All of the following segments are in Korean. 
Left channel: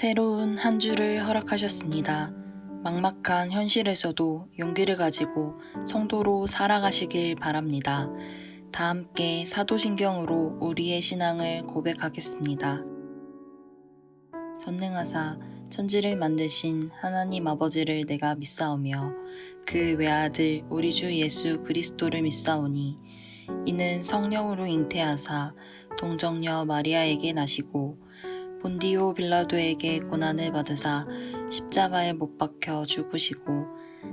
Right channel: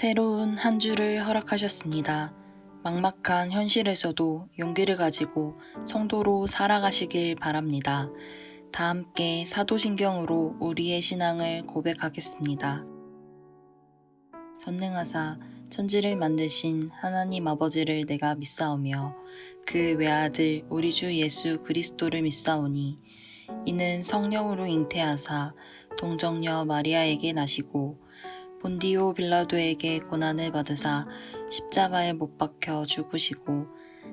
새로운 한 주를 허락하셨습니다. 막막한 현실에서도 용기를 가지고 성도로 살아가시길 바랍니다. 다 함께 사도신경으로 우리의 신앙을 고백하겠습니다. 전능하사 천지를 만드신 하나님 아버지를 내가 믿사오며 그 외아들 우리 주 예수 그리스도를 믿사오니 이는 성령으로 잉태하사 동정녀 마리아에게 나시고 본디오 빌라도에게 고난을 받으사 십자가에 못 박혀 죽으시고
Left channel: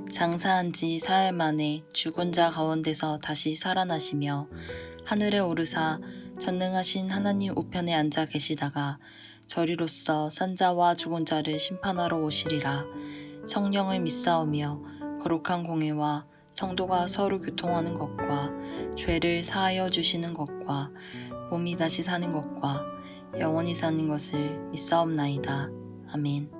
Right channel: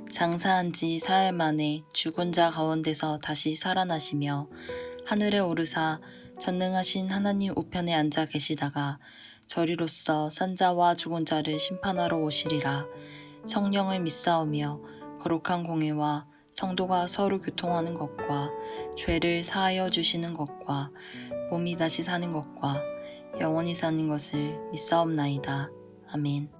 장사한 지 사흘 만에 죽은 자 가운데서 다시 살아나시며 하늘에 오르사 전능하신 하나님 우편에 앉아 계시다가 저리로서 산자와 죽은 자를 심판하러 오시리라. 성령을 믿사오며 거룩한 공회와 성도가 서로 교통하는 것과 죄를 사하여 주시는 것과 몸이 다시 사는 것과 영원히 사는 것을 믿사옵나이다. 아멘.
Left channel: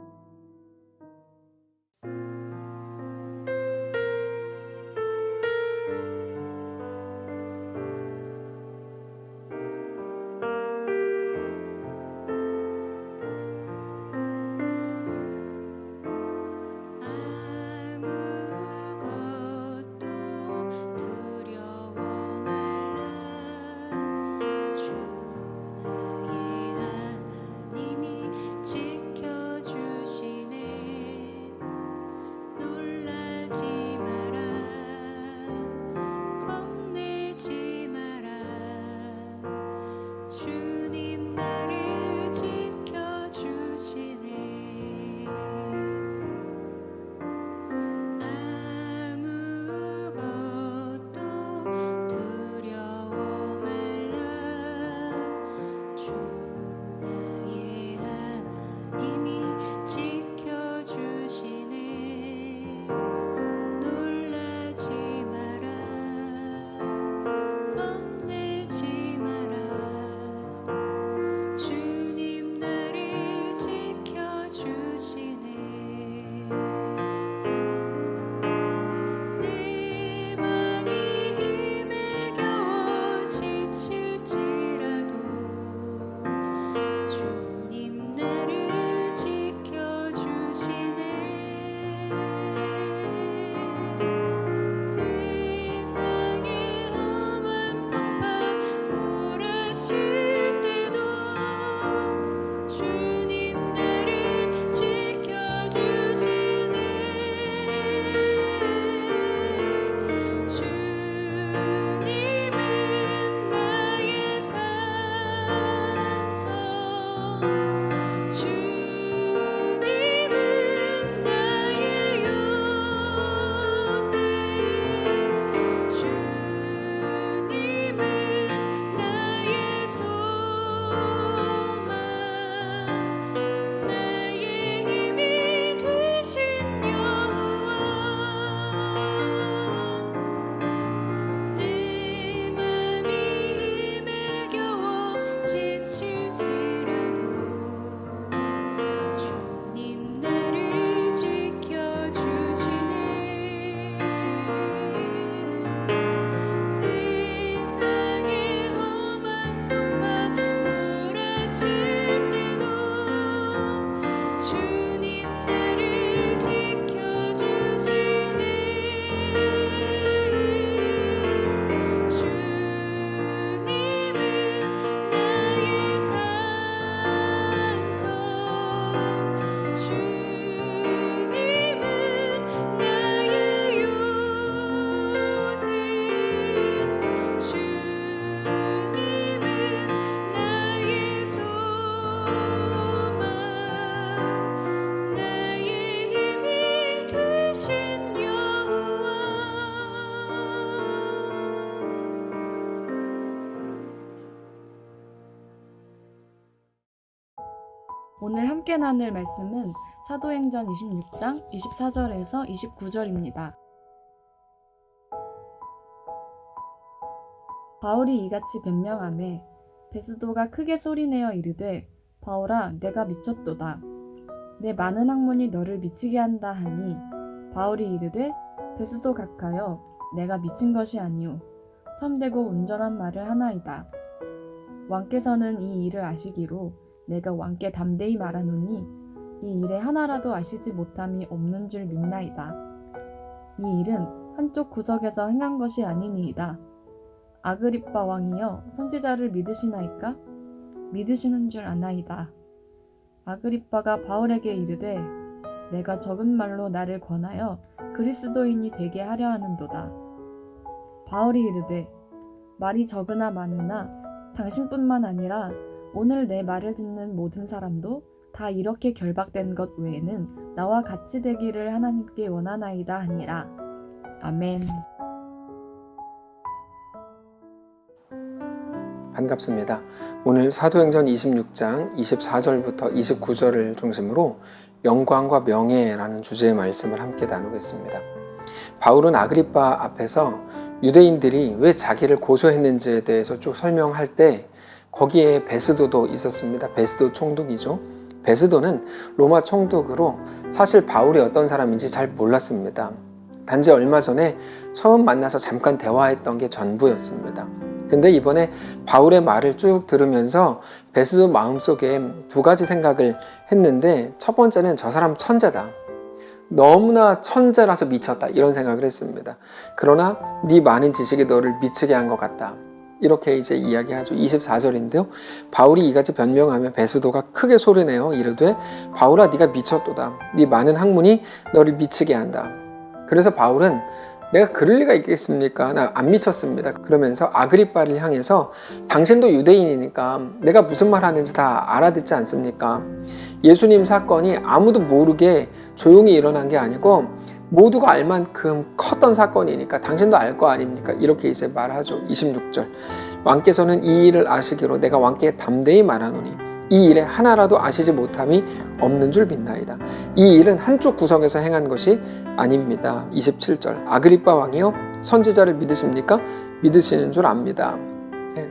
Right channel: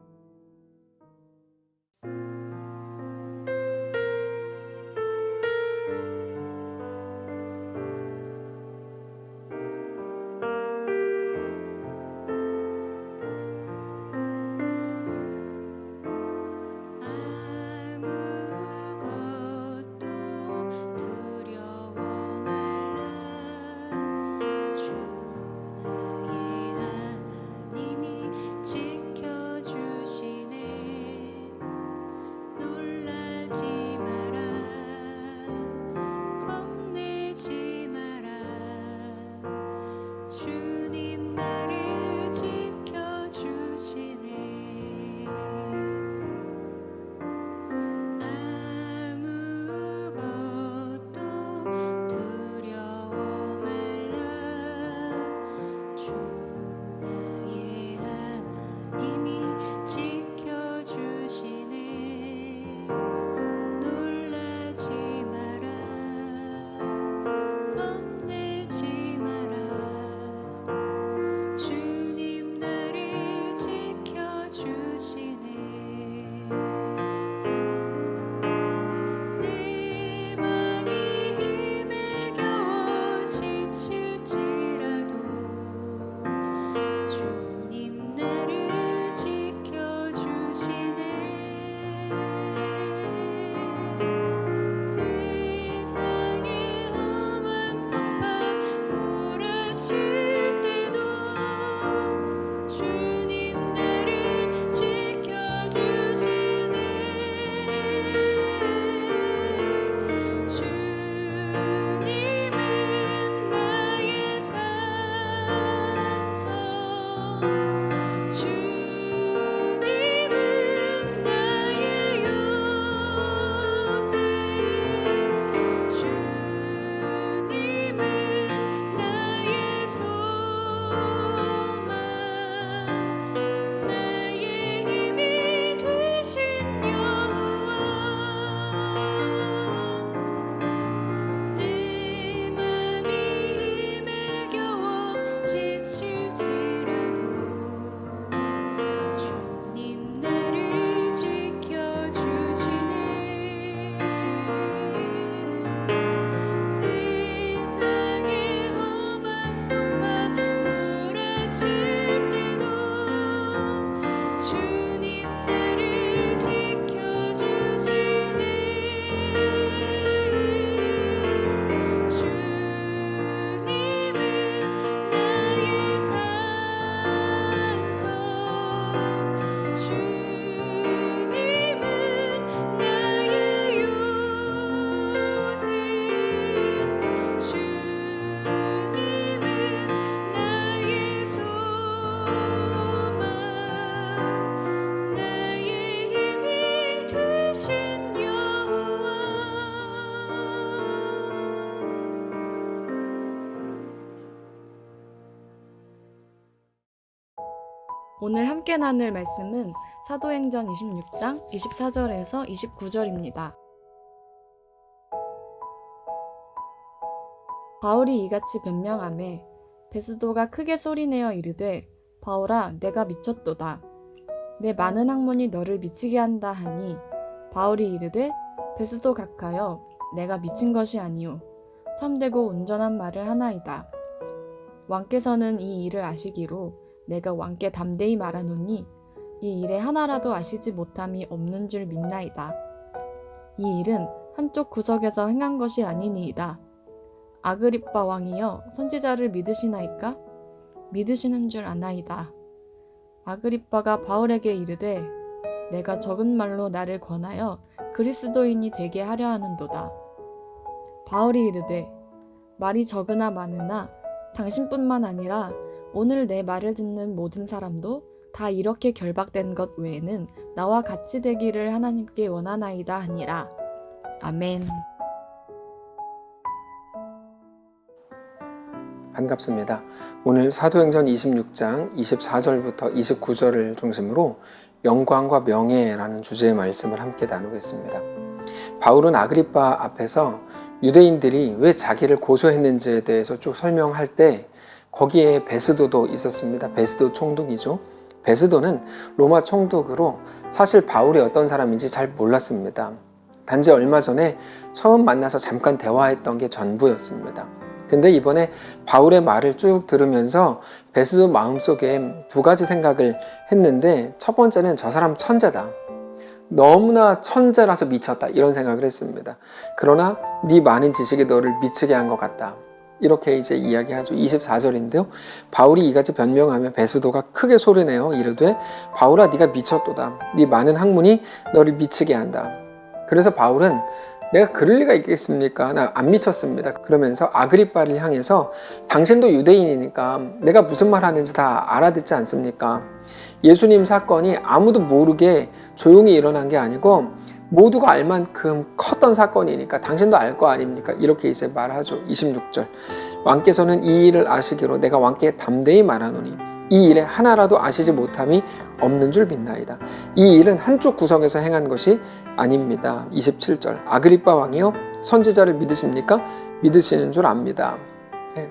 오늘 함께 나눌 말씀은 사도행전 26장 24절에서 29절입니다. 바울이 이같이 변명하매 베스도가 크게 소리내어 이르되 바울아 내가 미쳤도다. 내 많은 학문이 너를 미치게 한다 하니 바울이 이르되 베스도 각하여 내가 미친 것이 아니오 참되고 온전한 말을 하나이다. 왕께서는 이 일을 아시기로 내가 왕께 담대히 말하노니 이 일에 하나라도 아시지 못함이 없는 줄 믿나이다. 이 일은 한쪽 구석에서 행한 것이 아니니이다. 아그리빠 왕이여 선지자를 믿으시나이까? 믿으시는 줄 아나이다. 아그리빠가 바울에게 이르되 내가 적은 말로 나를 권하여 그리스도인이 되게 하려 하는도다. 바울이 이르되 말이 적으나 많으나 당신뿐만 아니라 오늘 내 말을 듣는 모든 사람도 다 이렇게 결박된 것 외에는 나와 같이 되기를 하나님께 원하나이다 하니라. 아멘. 반갑습니다. 오늘 사도행전 26장 24절부터 29절을 중심으로 영광과 명예라는 주제의 말씀을 함께 나누겠습니다. 바울은 아그리빠 앞에서 유대인들이 왜 자기를 고소했는지에 대해서 쭉 설명할 때 거기에 베스도도 있었습니다. 베스도 총독이죠. 베스도는 로마 총독으로 사실 바울이 어떤 사람인지 잘 몰랐습니다. 단지 얼마 전에 처음 만나서 잠깐 대화했던 게 전부였습니다. 근데 이번에 바울의 말을 쭉 들으면서 베스도 마음속에 두 가지 생각을 했는데, 첫 번째는 저 사람 천재다. 너무나 천재라서 미쳤다. 이런 생각을 했습니다. 그러나 네 많은 지식이 너를 미치게 한 것 같다. 이렇게 이제 이야기하죠. 24절인데요. 바울이 이같이 변명하며 베스도가 크게 소리내어 이르되 바울아 네가 미쳤도다. 네 많은 학문이 너를 미치게 한다. 그래서 바울은 내가 그럴 리가 있겠습니까? 나 안 미쳤습니다. 그러면서 아그리빠를 향해서 당신도 유대인이니까 내가 무슨 말 하는지 다 알아듣지 않습니까? 예수님 사건이 아무도 모르게 조용히 일어난 게 아니고 모두가 알 만큼 컸던 사건이니까 당신도 알 거 아닙니까? 이렇게 이제 말하죠. 26절. 왕께서는 이 일을 아시기로 내가 왕께 담대히 말하노니 이 일에 하나라도 아시지 못함이 없는 줄 믿나이다. 이 일은 한쪽 구석에서 행한 것이 아닙니다. 27절. 아그리빠 왕이요 선지자를 믿으십니까? 믿으시는 줄 압니다.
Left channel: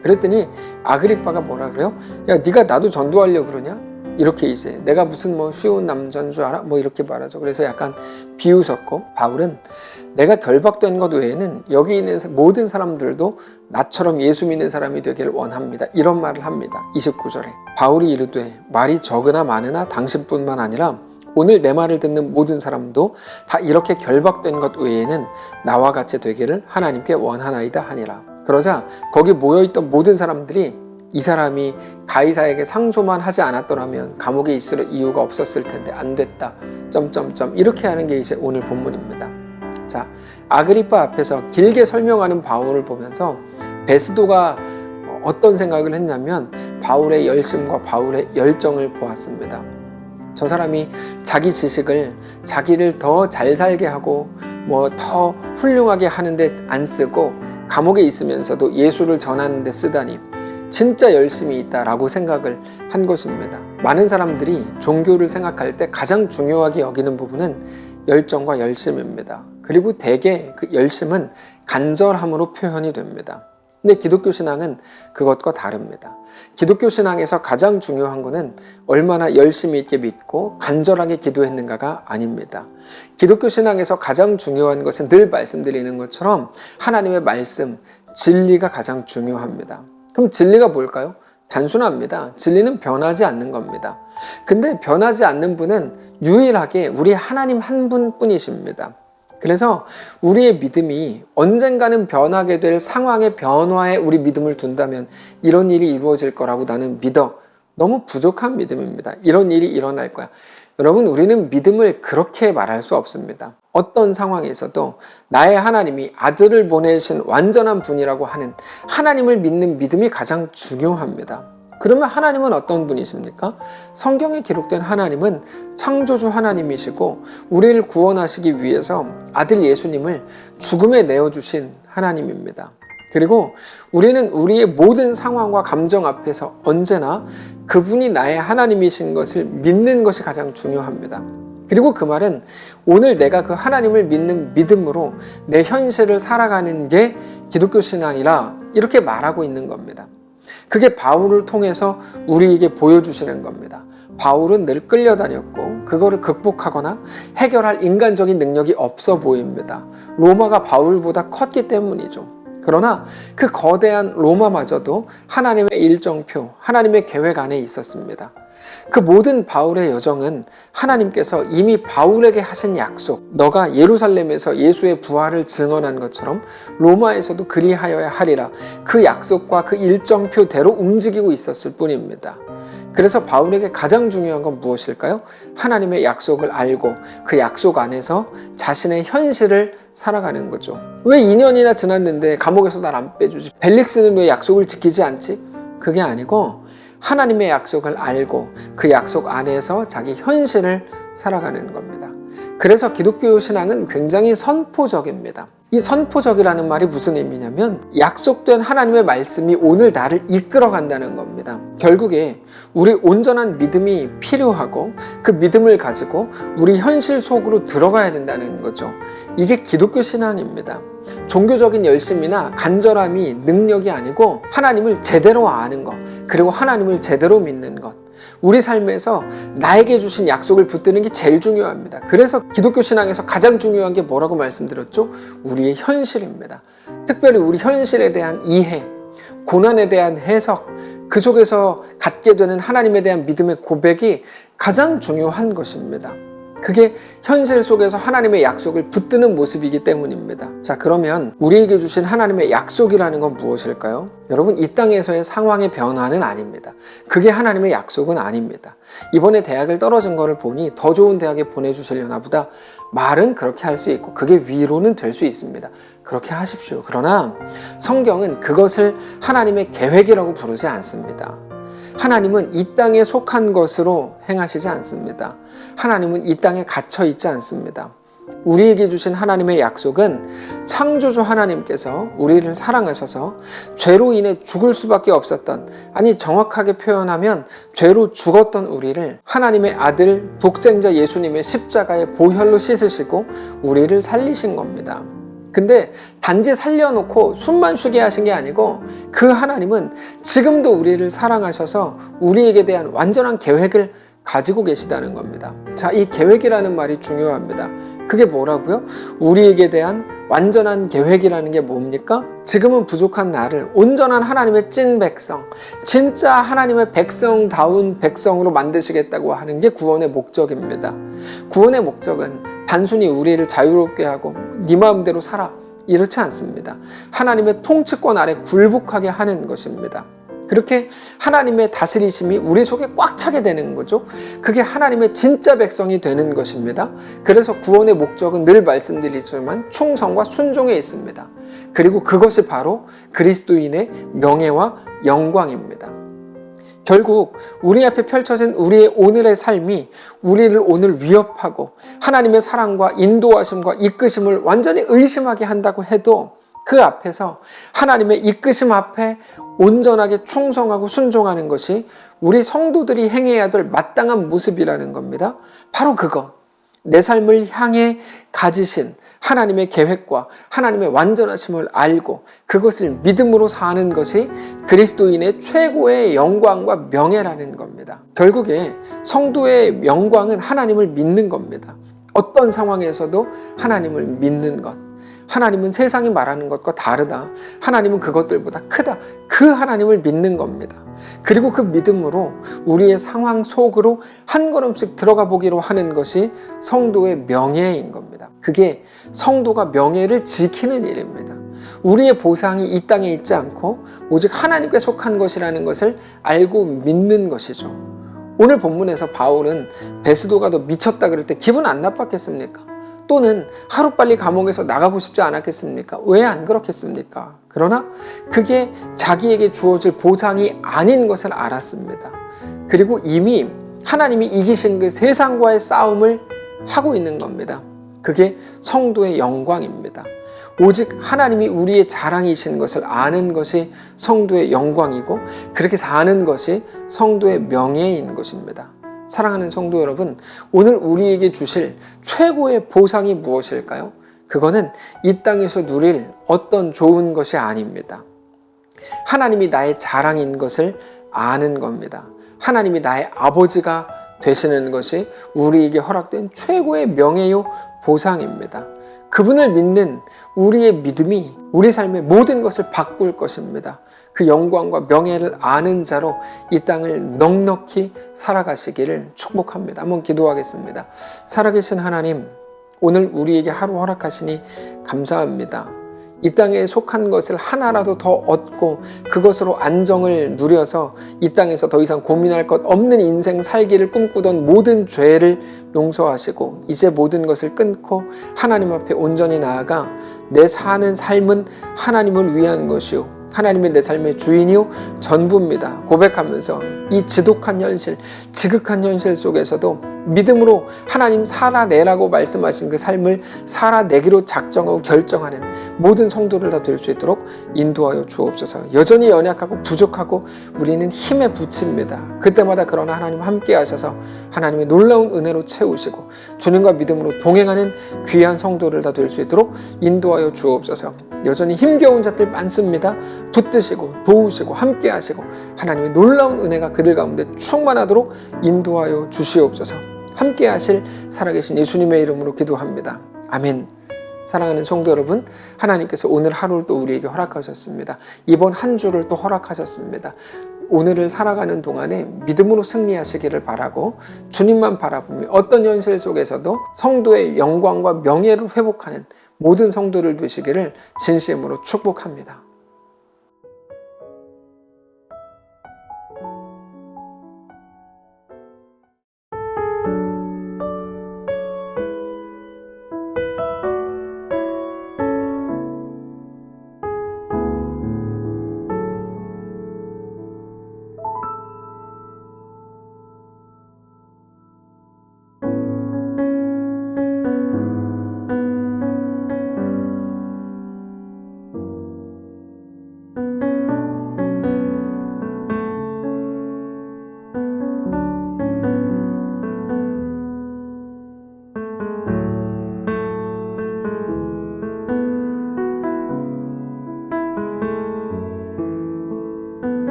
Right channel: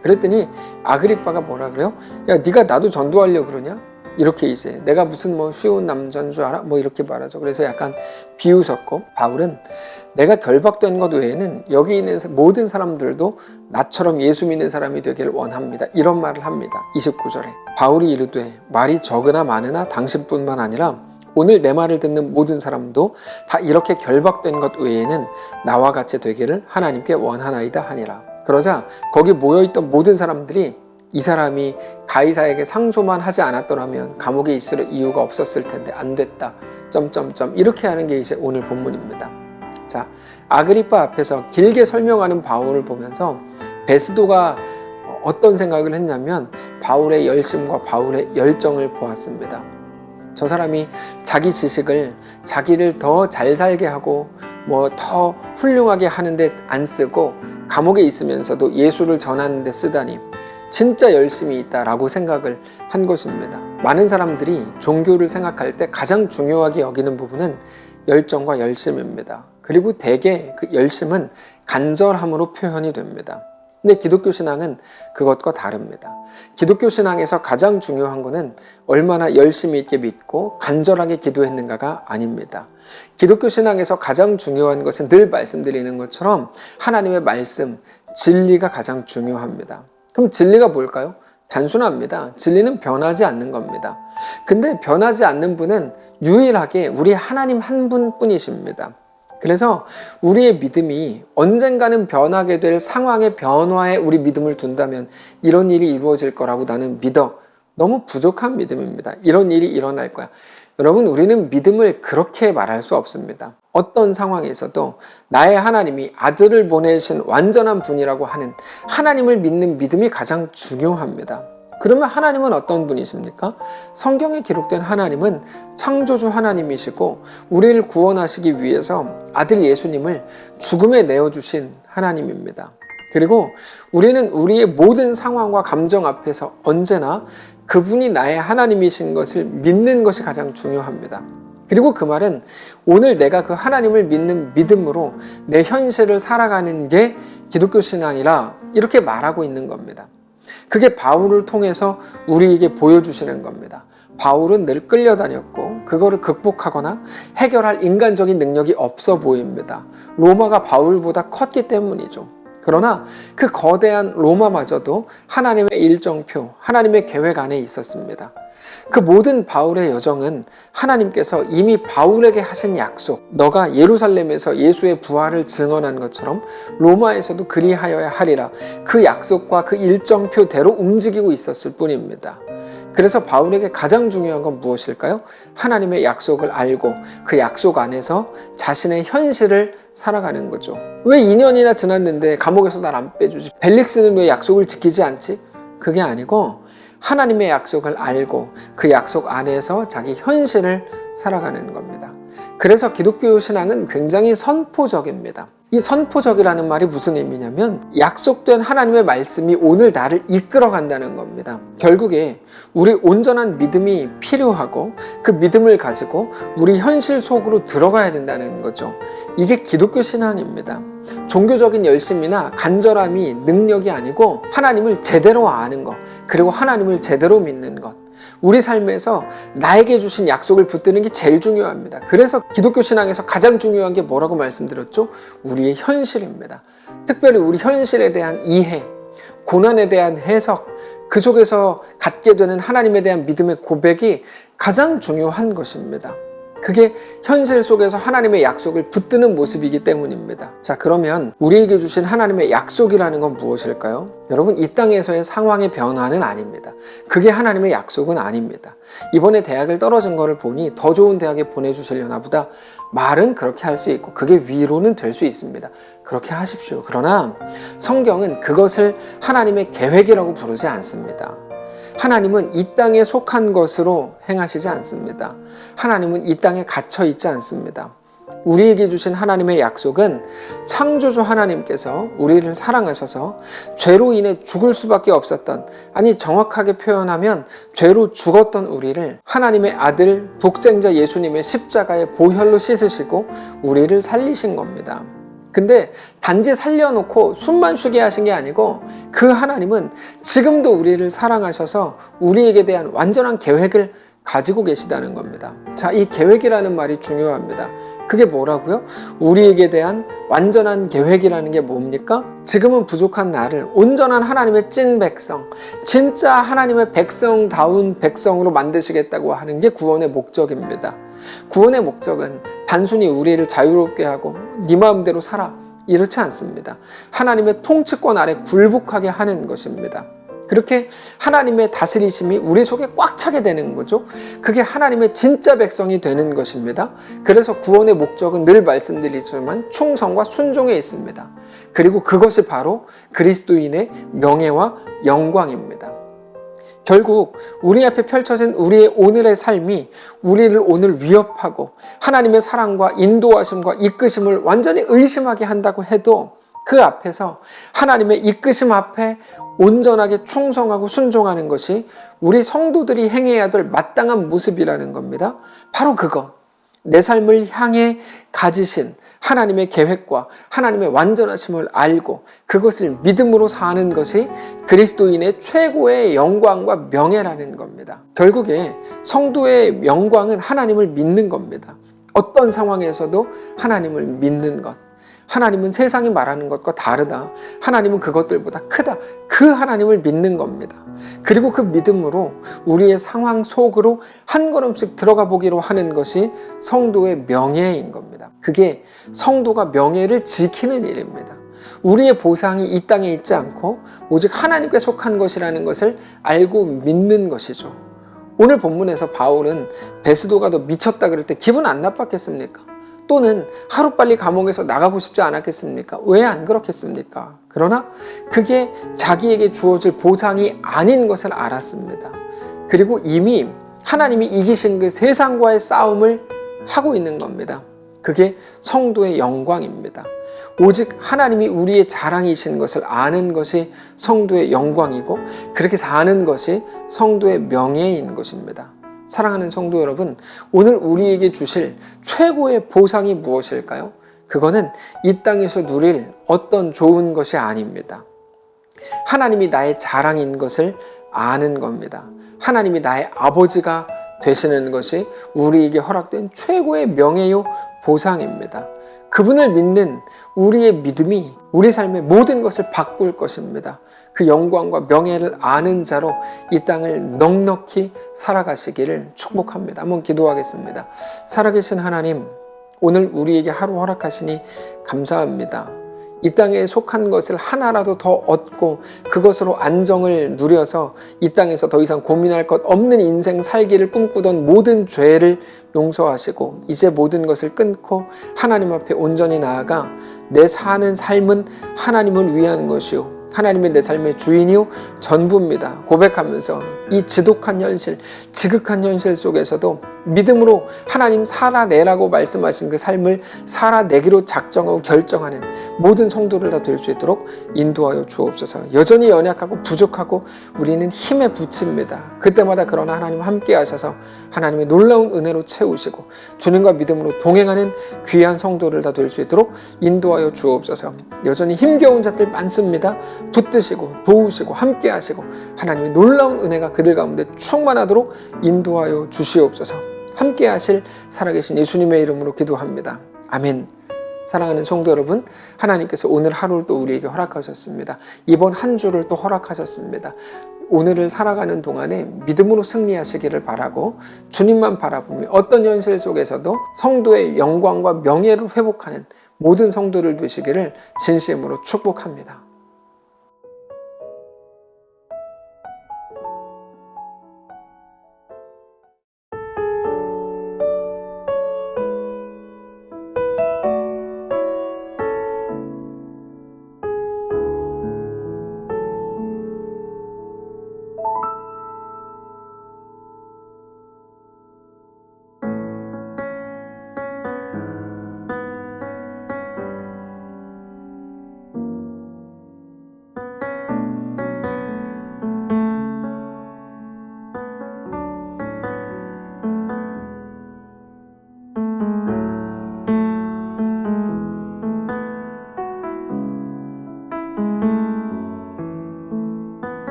그랬더니 아그리빠가 뭐라 그래요? 야 네가 나도 전도하려고 그러냐? 이렇게 이제 내가 무슨 뭐 쉬운 남자인 줄 알아? 뭐 이렇게 말하죠. 그래서 약간 비웃었고, 바울은 내가 결박된 것 외에는 여기 있는 모든 사람들도 나처럼 예수 믿는 사람이 되기를 원합니다. 이런 말을 합니다. 29절에 바울이 이르되 말이 적으나 많으나 당신뿐만 아니라 오늘 내 말을 듣는 모든 사람도 다 이렇게 결박된 것 외에는 나와 같이 되기를 하나님께 원하나이다 하니라. 그러자 거기 모여있던 모든 사람들이 이 사람이 가이사에게 상소만 하지 않았더라면 감옥에 있을 이유가 없었을 텐데 안 됐다. 이렇게 하는 게 이제 오늘 본문입니다. 자, 아그리빠 앞에서 길게 설명하는 바울을 보면서 베스도가 어떤 생각을 했냐면 바울의 열심과 바울의 열정을 보았습니다. 저 사람이 자기 지식을 자기를 더 잘 살게 하고 뭐 더 훌륭하게 하는데 안 쓰고 감옥에 있으면서도 예수를 전하는 데 쓰다니 진짜 열심히 있다라고 생각을 한 것입니다. 많은 사람들이 종교를 생각할 때 가장 중요하게 여기는 부분은 열정과 열심입니다. 그리고 대개 그 열심은 간절함으로 표현이 됩니다. 근데 기독교 신앙은 그것과 다릅니다. 기독교 신앙에서 가장 중요한 것은 얼마나 열심히 있게 믿고 간절하게 기도했는가가 아닙니다. 기독교 신앙에서 가장 중요한 것은 늘 말씀드리는 것처럼 하나님의 말씀, 진리가 가장 중요합니다. 그럼 진리가 뭘까요? 단순합니다. 진리는 변하지 않는 겁니다. 근데 변하지 않는 분은 유일하게 우리 하나님 한 분뿐이십니다. 그래서 우리의 믿음이 언젠가는 변하게 될 상황의 변화에 우리 믿음을 둔다면 이런 일이 이루어질 거라고 나는 믿어. 너무 부족한 믿음입니다. 이런 일이 일어날 거야. 여러분, 우리는 믿음을 그렇게 말할 수 없습니다. 어떤 상황에서도 나의 하나님이 아들을 보내신 완전한 분이라고 하는 하나님을 믿는 믿음이 가장 중요합니다. 그러면 하나님은 어떤 분이십니까? 성경에 기록된 하나님은 창조주 하나님이시고 우리를 구원하시기 위해서 아들 예수님을 죽음에 내어주신 하나님입니다. 그리고 우리는 우리의 모든 상황과 감정 앞에서 언제나 그분이 나의 하나님이신 것을 믿는 것이 가장 중요합니다. 그리고 그 말은 오늘 내가 그 하나님을 믿는 믿음으로 내 현실을 살아가는 게 기독교 신앙이라 이렇게 말하고 있는 겁니다. 그게 바울을 통해서 우리에게 보여주시는 겁니다. 바울은 늘 끌려다녔고 그거를 극복하거나 해결할 인간적인 능력이 없어 보입니다. 로마가 바울보다 컸기 때문이죠. 그러나 그 거대한 로마마저도 하나님의 일정표, 하나님의 계획 안에 있었습니다. 그 모든 바울의 여정은 하나님께서 이미 바울에게 하신 약속, 너가 예루살렘에서 예수의 부활을 증언한 것처럼 로마에서도 그리하여야 하리라, 그 약속과 그 일정표대로 움직이고 있었을 뿐입니다. 그래서 바울에게 가장 중요한 건 무엇일까요? 하나님의 약속을 알고 그 약속 안에서 자신의 현실을 살아가는 거죠. 왜 2년이나 지났는데 감옥에서 날 안 빼주지? 벨릭스는 왜 약속을 지키지 않지? 그게 아니고 하나님의 약속을 알고 그 약속 안에서 자기 현실을 살아가는 겁니다. 그래서 기독교 신앙은 굉장히 선포적입니다. 이 선포적이라는 말이 무슨 의미냐면 약속된 하나님의 말씀이 오늘 나를 이끌어 간다는 겁니다. 결국에 우리 온전한 믿음이 필요하고 그 믿음을 가지고 우리 현실 속으로 들어가야 된다는 거죠. 이게 기독교 신앙입니다. 종교적인 열심이나 간절함이 능력이 아니고 하나님을 제대로 아는 것, 그리고 하나님을 제대로 믿는 것, 우리 삶에서 나에게 주신 약속을 붙드는 게 제일 중요합니다. 그래서 기독교 신앙에서 가장 중요한 게 뭐라고 말씀드렸죠? 우리의 현실입니다. 특별히 우리 현실에 대한 이해, 고난에 대한 해석, 그 속에서 갖게 되는 하나님에 대한 믿음의 고백이 가장 중요한 것입니다. 그게 현실 속에서 하나님의 약속을 붙드는 모습이기 때문입니다. 자, 그러면 우리에게 주신 하나님의 약속이라는 건 무엇일까요? 여러분, 이 땅에서의 상황의 변화는 아닙니다. 그게 하나님의 약속은 아닙니다. 이번에 대학을 떨어진 거를 보니 더 좋은 대학에 보내주시려나 보다, 말은 그렇게 할 수 있고 그게 위로는 될 수 있습니다. 그렇게 하십시오. 그러나 성경은 그것을 하나님의 계획이라고 부르지 않습니다. 하나님은 이 땅에 속한 것으로 행하시지 않습니다. 하나님은 이 땅에 갇혀 있지 않습니다. 우리에게 주신 하나님의 약속은 창조주 하나님께서 우리를 사랑하셔서 죄로 인해 죽을 수밖에 없었던, 아니 정확하게 표현하면 죄로 죽었던 우리를 하나님의 아들 독생자 예수님의 십자가의 보혈로 씻으시고 우리를 살리신 겁니다. 근데 단지 살려놓고 숨만 쉬게 하신 게 아니고 그 하나님은 지금도 우리를 사랑하셔서 우리에게 대한 완전한 계획을 가지고 계시다는 겁니다. 자, 이 계획이라는 말이 중요합니다. 그게 뭐라고요? 우리에게 대한 완전한 계획이라는 게 뭡니까? 지금은 부족한 나를 온전한 하나님의 찐 백성, 진짜 하나님의 백성다운 백성으로 만드시겠다고 하는 게 구원의 목적입니다. 구원의 목적은 단순히 우리를 자유롭게 하고 네 마음대로 살아, 이렇지 않습니다. 하나님의 통치권 아래 굴복하게 하는 것입니다. 그렇게 하나님의 다스리심이 우리 속에 꽉 차게 되는 거죠. 그게 하나님의 진짜 백성이 되는 것입니다. 그래서 구원의 목적은 늘 말씀드리지만 충성과 순종에 있습니다. 그리고 그것이 바로 그리스도인의 명예와 영광입니다. 결국 우리 앞에 펼쳐진 우리의 오늘의 삶이 우리를 오늘 위협하고 하나님의 사랑과 인도하심과 이끄심을 완전히 의심하게 한다고 해도 그 앞에서 하나님의 이끄심 앞에 온전하게 충성하고 순종하는 것이 우리 성도들이 행해야 될 마땅한 모습이라는 겁니다. 바로 그거, 내 삶을 향해 가지신 하나님의 계획과 하나님의 완전하심을 알고 그것을 믿음으로 사는 것이 그리스도인의 최고의 영광과 명예라는 겁니다. 결국에 성도의 영광은 하나님을 믿는 겁니다. 어떤 상황에서도 하나님을 믿는 것. 하나님은 세상이 말하는 것과 다르다. 하나님은 그것들보다 크다. 그 하나님을 믿는 겁니다. 그리고 그 믿음으로 우리의 상황 속으로 한 걸음씩 들어가 보기로 하는 것이 성도의 명예인 겁니다. 그게 성도가 명예를 지키는 일입니다. 우리의 보상이 이 땅에 있지 않고 오직 하나님께 속한 것이라는 것을 알고 믿는 것이죠. 오늘 본문에서 바울은 베스도가 너 미쳤다 그럴 때 기분 안 나빴겠습니까? 또는 하루빨리 감옥에서 나가고 싶지 않았겠습니까? 왜 안 그렇겠습니까? 그러나 그게 자기에게 주어질 보상이 아닌 것을 알았습니다. 그리고 이미 하나님이 이기신 그 세상과의 싸움을 하고 있는 겁니다. 그게 성도의 영광입니다. 오직 하나님이 우리의 자랑이신 것을 아는 것이 성도의 영광이고 그렇게 사는 것이 성도의 명예인 것입니다. 사랑하는 성도 여러분, 오늘 우리에게 주실 최고의 보상이 무엇일까요? 그거는 이 땅에서 누릴 어떤 좋은 것이 아닙니다. 하나님이 나의 자랑인 것을 아는 겁니다. 하나님이 나의 아버지가 되시는 것이 우리에게 허락된 최고의 명예요 보상입니다. 그분을 믿는 우리의 믿음이 우리 삶의 모든 것을 바꿀 것입니다. 그 영광과 명예를 아는 자로 이 땅을 넉넉히 살아가시기를 축복합니다. 한번 기도하겠습니다. 살아계신 하나님, 오늘 우리에게 하루 허락하시니 감사합니다. 이 땅에 속한 것을 하나라도 더 얻고 그것으로 안정을 누려서 이 땅에서 더 이상 고민할 것 없는 인생 살기를 꿈꾸던 모든 죄를 용서하시고 이제 모든 것을 끊고 하나님 앞에 온전히 나아가 내 사는 삶은 하나님을 위한 것이요 하나님의 내 삶의 주인이요 전부입니다. 고백하면서 이 지독한 현실, 지극한 현실 속에서도 믿음으로 하나님 살아내라고 말씀하신 그 삶을 살아내기로 작정하고 결정하는 모든 성도를 다 될 수 있도록 인도하여 주옵소서. 여전히 연약하고 부족하고 우리는 힘에 부칩니다. 그때마다 그러나 하나님 함께 하셔서 하나님의 놀라운 은혜로 채우시고 주님과 믿음으로 동행하는 귀한 성도를 다 될 수 있도록 인도하여 주옵소서. 여전히 힘겨운 자들 많습니다. 붙드시고 도우시고 함께 하시고 하나님의 놀라운 은혜가 그들 가운데 충만하도록 인도하여 주시옵소서. 함께 하실 살아계신 예수님의 이름으로 기도합니다. 아멘. 사랑하는 성도 여러분, 하나님께서 오늘 하루를 또 우리에게 허락하셨습니다. 이번 한 주를 또 허락하셨습니다. 오늘을 살아가는 동안에 믿음으로 승리하시기를 바라고 주님만 바라보며 어떤 현실 속에서도 성도의 영광과 명예를 회복하는 모든 성도를 되시기를 진심으로 축복합니다.